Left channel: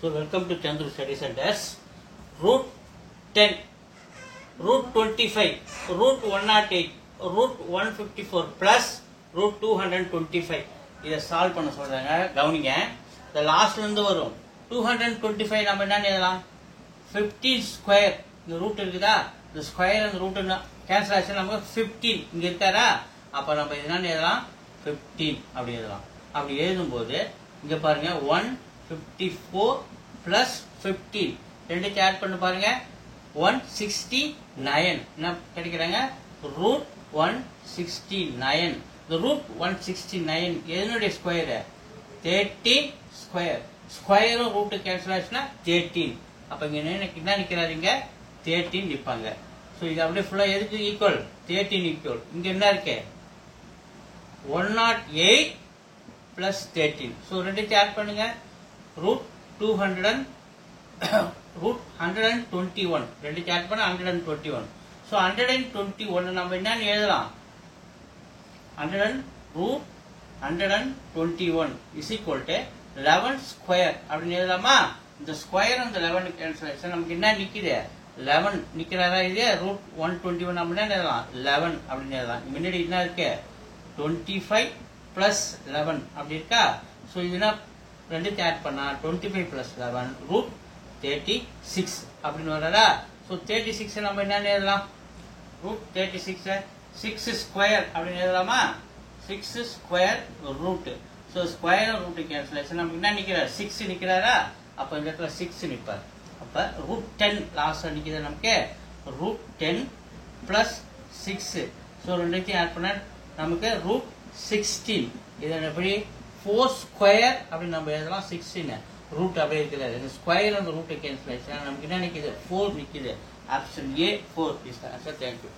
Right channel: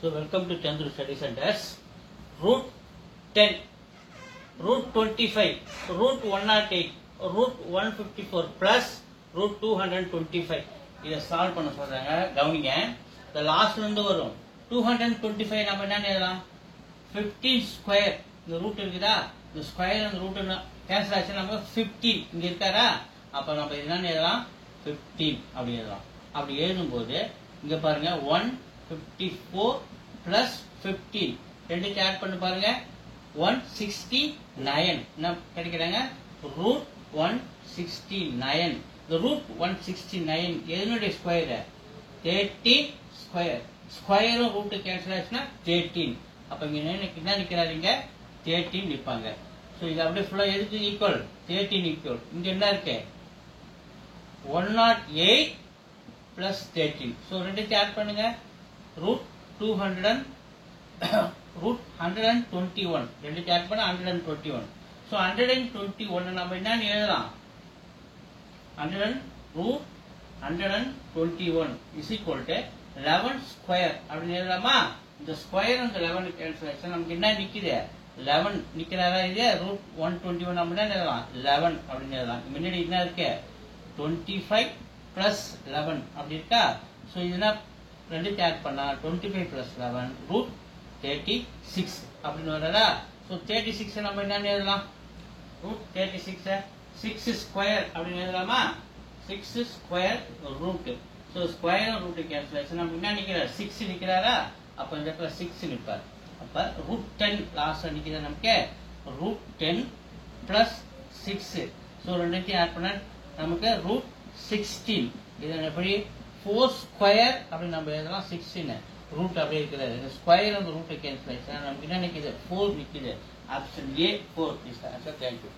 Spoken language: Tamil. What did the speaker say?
So welcome to Chandru Study Centers. Root 10, root 25, root 108, root 154 plus root 225. இதை சால்வ் பண்ண சொல்றாங்க. கவனிங்க, இந்த லாஸ்ட்ல இருந்து வரும் 225 நம்ம என்ன எழுதலாம்? 15 ஸ்கொயர். இந்த ரூட் இருக்குதா, இந்த ஸ்கொயர் அந்த ரூட் கேன்சல் ஆச்சு, நமக்கு 15 இங்க இருக்காரா, அப்ப நம்ம என்னன்னு எழுதலாம்? 15 அப்படி எழுதலாம். அப்படி எழுதும்போது இங்க பாருங்க 154 பிளஸ் 15 ரெண்டுக்கு ஆட் பண்ணி பாருங்க 169 என்ன கிடைக்கிறாங்க? ரூட் 169. இந்த ரூட் 169 எதனுடைய ஸ்கொயர்? 13 ஸ்கொயர். ஸ்கொயரும் ரூட் கேன்சல் ஆச்சுன்னா 13. அப்ப இங்க என்ன நிக்கிறாருங்க? 13 நிற்பாங்க. சோ இது அப்படியே ஃபுல்லா எதுக்கு ஈக்குவல்? 13 ஈக்குவல். இங்க என்ன இருக்கு? 108 பிளஸ் 13. சோ ரெண்டுக்கு ஆட் பண்ணுங்க. ரூட் 121 ரெண்டுக்கு ஆட் பண்ண 121. சோ 121 நம்ம என்னன்னு எழுதலாம்? 121 இஸ் ஈக்குவல் டு 11 ஸ்கொயர் அப்படின்னு எழுதலாமா? இந்த ஸ்கொயர் அந்த 11 கேன்சல் ஆச்சு, நமக்கு என்ன நிக்குது? 11 நிக்கிறாரா? இது ரூட் 121 நம்ம என்ன எழுதலாம்? 11 அப்படின்னு எழுதலாம். முன்னாடி என்ன இருக்கு? 25 பிளஸ் 11 அப்படி இருக்கா? சோ இதுனா ரெண்டுக்கு ஆட் பண்ணா 25 பிளஸ் 11 ரூட் 36 அப்படின்னு வரதா? சோ 36 நம்ம என்ன எழுதலாம்? ரூட் 36 6 ஸ்கொயர் அப்படின்னு எழுதலாமா? 6 square root. So square root cancellation நமக்கு என்ன நிக்கிறார்? 6 நிக்கிறாரா? அப்ப இந்த இடத்துல 6 நிற்பார். அப்ப ரூட் 10 லாஸ்ட் நிக்கிறது நமக்கு ரூட் 10 பிளஸ் 6. சோ ரெண்டுத்தையும் ஆட் பண்ண நமக்கு ரூட் 16. இது எப்படி? 4 ஸ்கொயர் அப்படின்னு நம்ம எழுதலாம். 16 ரூட் அப்படியே இருக்கிறது. ஸ்கொயர் அந்த ரூட் கேன்சல் ஆயிடுச்சுன்னா நமக்கு என்ன நிக்குது? 4 நிக்குது. Option A 4 is the answer. Thank you.